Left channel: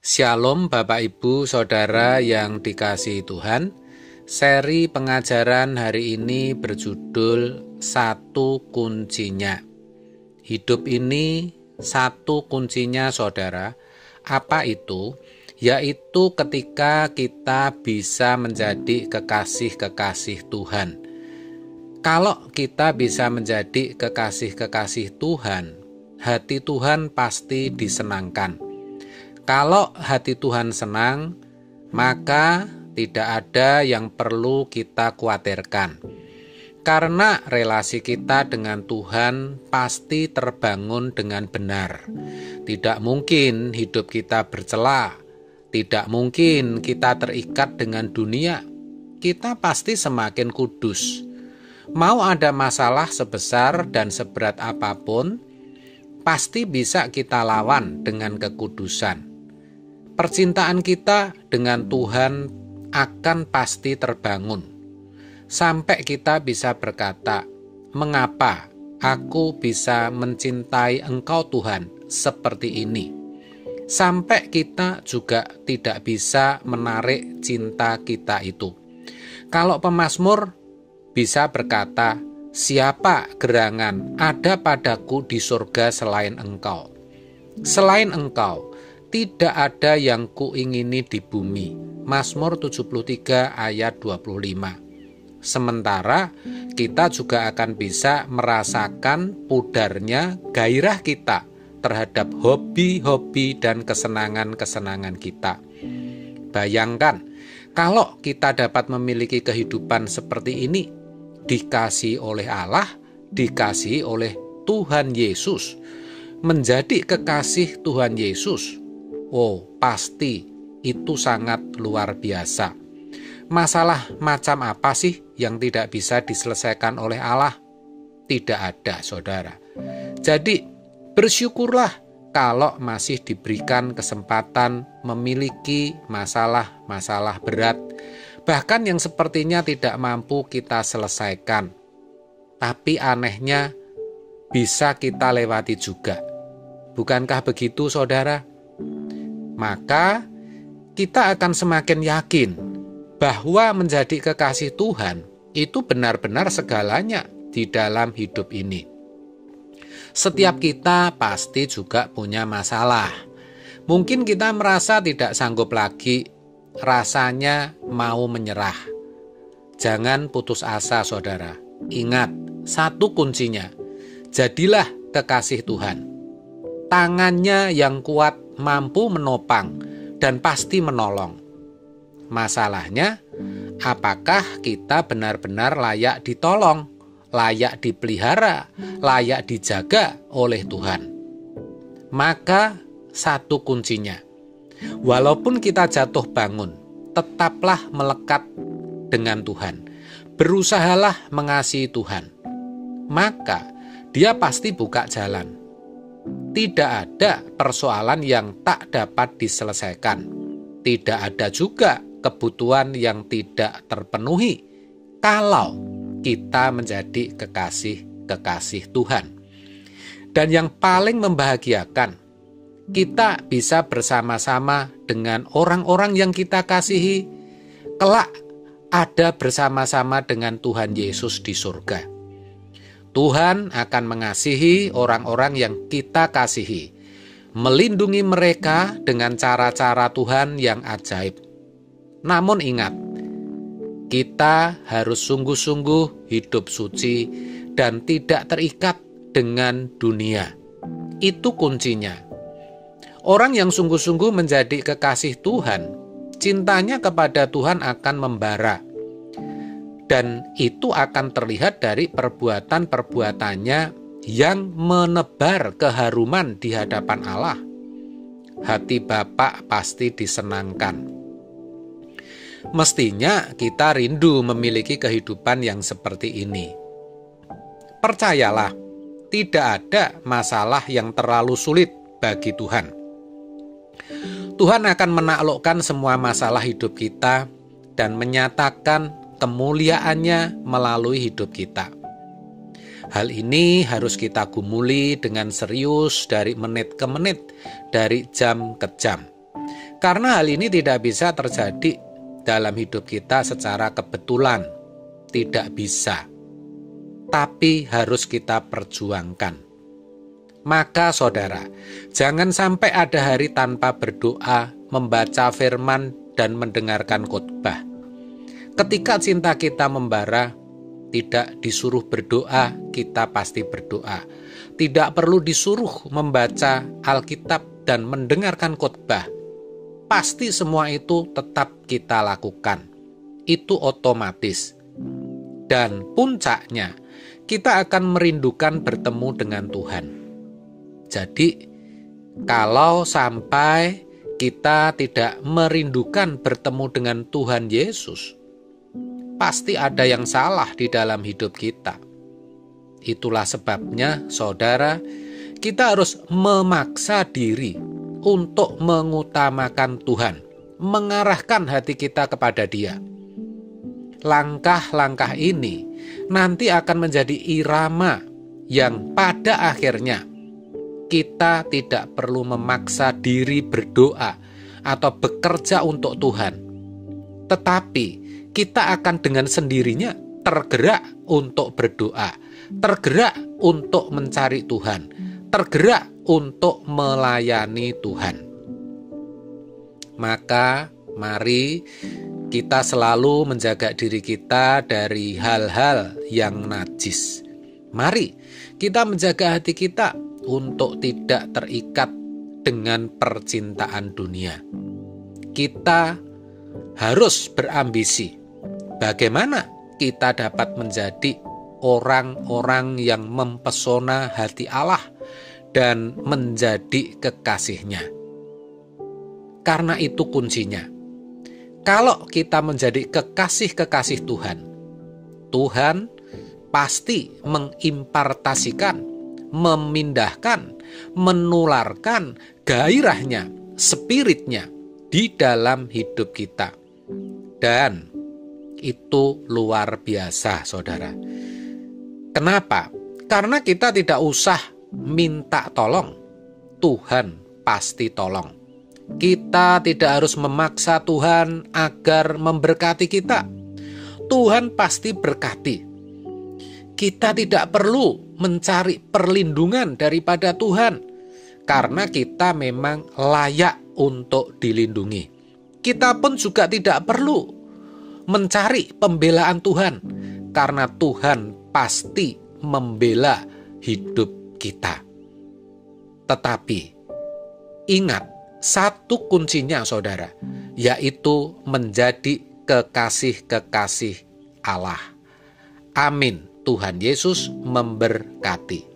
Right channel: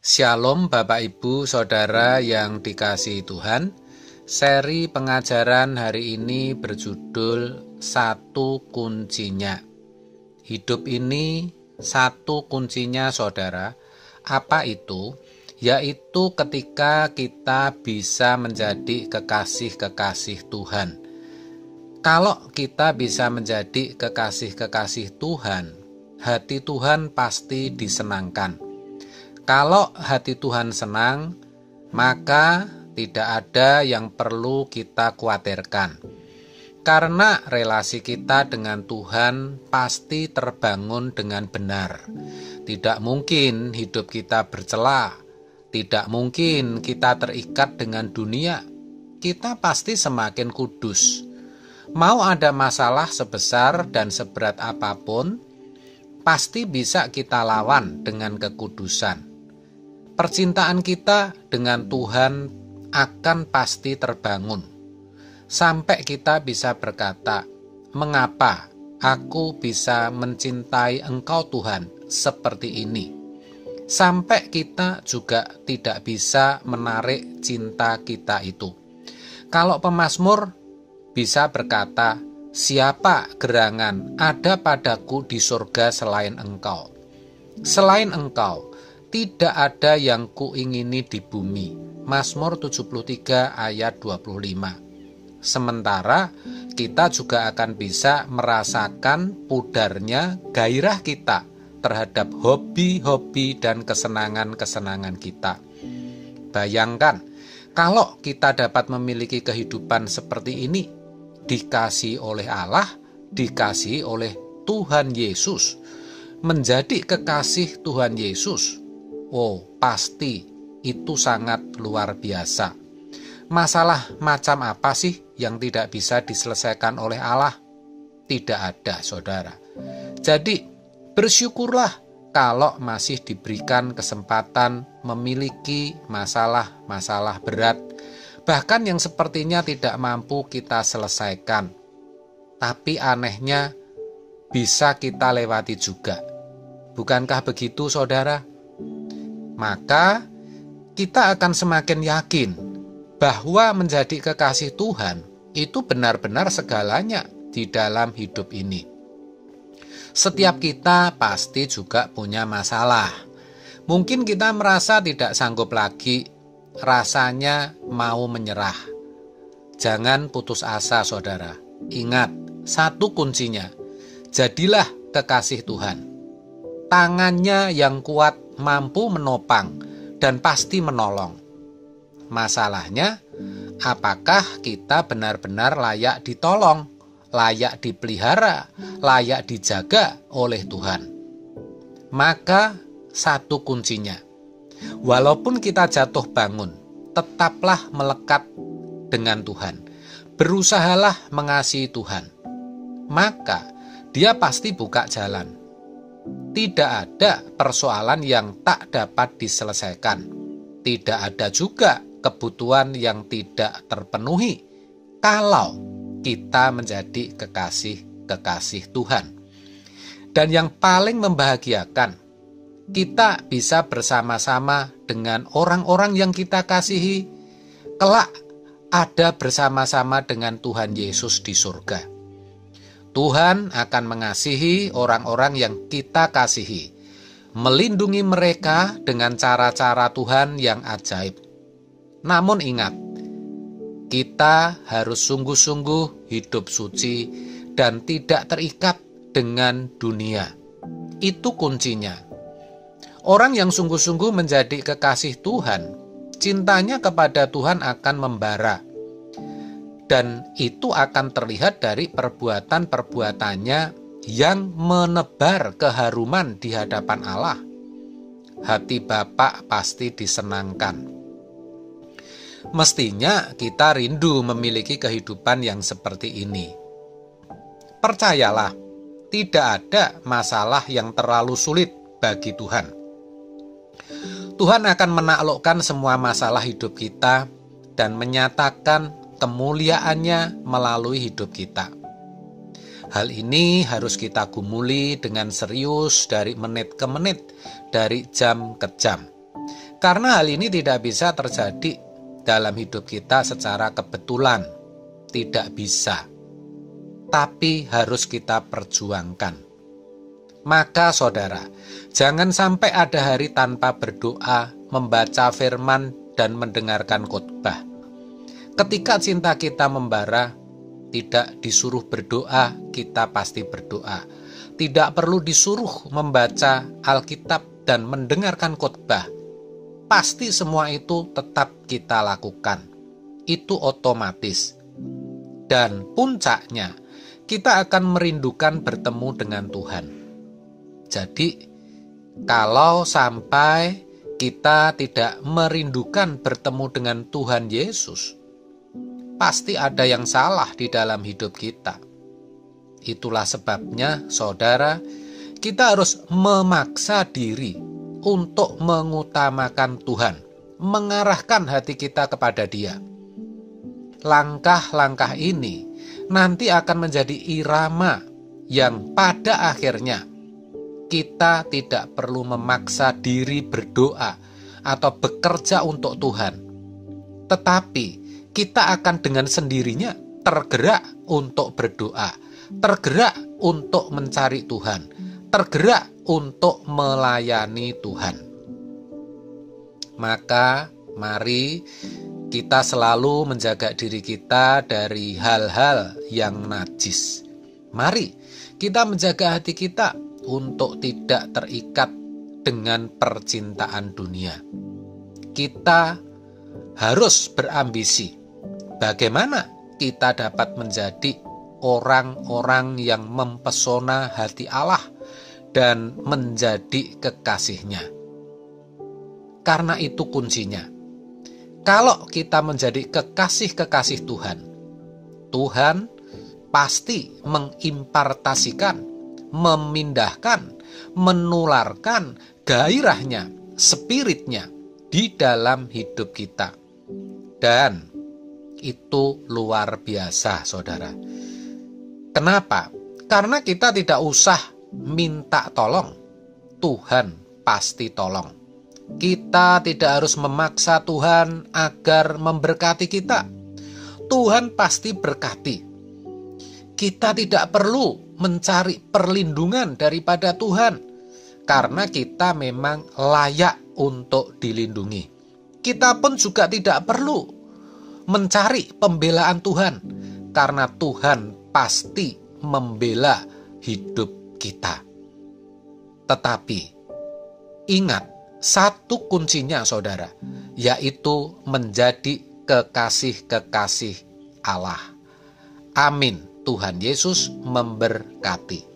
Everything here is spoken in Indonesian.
Shalom Bapak Ibu Saudara yang dikasihi Tuhan. Seri pengajaran hari ini berjudul Satu Kuncinya. Hidup ini satu kuncinya saudara. Apa itu? Yaitu ketika kita bisa menjadi kekasih-kekasih Tuhan. Kalau kita bisa menjadi kekasih-kekasih Tuhan, hati Tuhan pasti disenangkan. Kalau hati Tuhan senang, maka tidak ada yang perlu kita khawatirkan. Karena relasi kita dengan Tuhan pasti terbangun dengan benar. Tidak mungkin hidup kita bercela. Tidak mungkin kita terikat dengan dunia. Kita pasti semakin kudus. Mau ada masalah sebesar dan seberat apapun, pasti bisa kita lawan dengan kekudusan. Percintaan kita dengan Tuhan akan pasti terbangun. Sampai kita bisa berkata, "Mengapa aku bisa mencintai Engkau Tuhan seperti ini?" Sampai kita juga tidak bisa menarik cinta kita itu. Kalau pemazmur bisa berkata, "Siapa gerangan ada padaku di surga selain Engkau? Selain Engkau, tidak ada yang kuingini di bumi." Mazmur 73 ayat 25. Sementara kita juga akan bisa merasakan pudarnya gairah kita terhadap hobi-hobi dan kesenangan-kesenangan kita. Bayangkan, kalau kita dapat memiliki kehidupan seperti ini, dikasihi oleh Allah, dikasihi oleh Tuhan Yesus, menjadi kekasih Tuhan Yesus. Pasti itu sangat luar biasa. Masalah macam apa sih yang tidak bisa diselesaikan oleh Allah? Tidak ada, saudara. Jadi, bersyukurlah kalau masih diberikan kesempatan memiliki masalah-masalah berat, bahkan yang sepertinya tidak mampu kita selesaikan. Tapi anehnya, bisa kita lewati juga. Bukankah begitu, saudara? Maka kita akan semakin yakin bahwa menjadi kekasih Tuhan itu benar-benar segalanya di dalam hidup ini. Setiap kita pasti juga punya masalah. Mungkin kita merasa tidak sanggup lagi, rasanya mau menyerah. Jangan putus asa, saudara. Ingat, satu kuncinya, jadilah kekasih Tuhan. Tangannya yang kuat mampu menopang dan pasti menolong. Masalahnya, apakah kita benar-benar layak ditolong, layak dipelihara, layak dijaga oleh Tuhan? Maka satu kuncinya, walaupun kita jatuh bangun, tetaplah melekat dengan Tuhan. Berusahalah mengasihi Tuhan. Maka Dia pasti buka jalan. Tidak ada persoalan yang tak dapat diselesaikan. Tidak ada juga kebutuhan yang tidak terpenuhi kalau kita menjadi kekasih-kekasih Tuhan. Dan yang paling membahagiakan, kita bisa bersama-sama dengan orang-orang yang kita kasihi, kelak ada bersama-sama dengan Tuhan Yesus di surga. Tuhan akan mengasihi orang-orang yang kita kasihi, melindungi mereka dengan cara-cara Tuhan yang ajaib. Namun ingat, kita harus sungguh-sungguh hidup suci dan tidak terikat dengan dunia. Itu kuncinya. Orang yang sungguh-sungguh menjadi kekasih Tuhan, cintanya kepada Tuhan akan membara. Dan itu akan terlihat dari perbuatan-perbuatannya yang menebar keharuman di hadapan Allah. Hati Bapa pasti disenangkan. Mestinya kita rindu memiliki kehidupan yang seperti ini. Percayalah, tidak ada masalah yang terlalu sulit bagi Tuhan. Tuhan akan menaklukkan semua masalah hidup kita dan menyatakan kemuliaannya melalui hidup kita. Hal ini harus kita gumuli dengan serius dari menit ke menit, dari jam ke jam. Karena hal ini tidak bisa terjadi dalam hidup kita secara kebetulan. Tidak bisa. Tapi harus kita perjuangkan. Maka saudara, jangan sampai ada hari tanpa berdoa, membaca firman, dan mendengarkan khotbah. Ketika cinta kita membara, tidak disuruh berdoa, kita pasti berdoa. Tidak perlu disuruh membaca Alkitab dan mendengarkan khotbah. Pasti semua itu tetap kita lakukan. Itu otomatis. Dan puncaknya, kita akan merindukan bertemu dengan Tuhan. Jadi, kalau sampai kita tidak merindukan bertemu dengan Tuhan Yesus, pasti ada yang salah di dalam hidup kita. Itulah sebabnya, saudara, kita harus memaksa diri untuk mengutamakan Tuhan, mengarahkan hati kita kepada Dia. Langkah-langkah ini nanti akan menjadi irama yang pada akhirnya kita tidak perlu memaksa diri berdoa atau bekerja untuk Tuhan. Tetapi kita akan dengan sendirinya tergerak untuk berdoa, tergerak untuk mencari Tuhan, tergerak untuk melayani Tuhan. Maka mari kita selalu menjaga diri kita dari hal-hal yang najis. Mari kita menjaga hati kita untuk tidak terikat dengan percintaan dunia. Kita harus berambisi. Bagaimana kita dapat menjadi orang-orang yang mempesona hati Allah dan menjadi kekasihnya. Karena itu kuncinya. Kalau kita menjadi kekasih-kekasih Tuhan, Tuhan pasti mengimpartasikan, memindahkan, menularkan gairahnya, spiritnya di dalam hidup kita. Dan itu luar biasa, saudara. Kenapa? Karena kita tidak usah minta tolong, Tuhan pasti tolong. Kita tidak harus memaksa Tuhan agar memberkati kita. Tuhan pasti berkati. Kita tidak perlu mencari perlindungan daripada Tuhan, karena kita memang layak untuk dilindungi. Kita pun juga tidak perlu mencari pembelaan Tuhan, karena Tuhan pasti membela hidup kita. Tetapi ingat, satu kuncinya saudara, yaitu menjadi kekasih-kekasih Allah. Amin. Tuhan Yesus memberkati.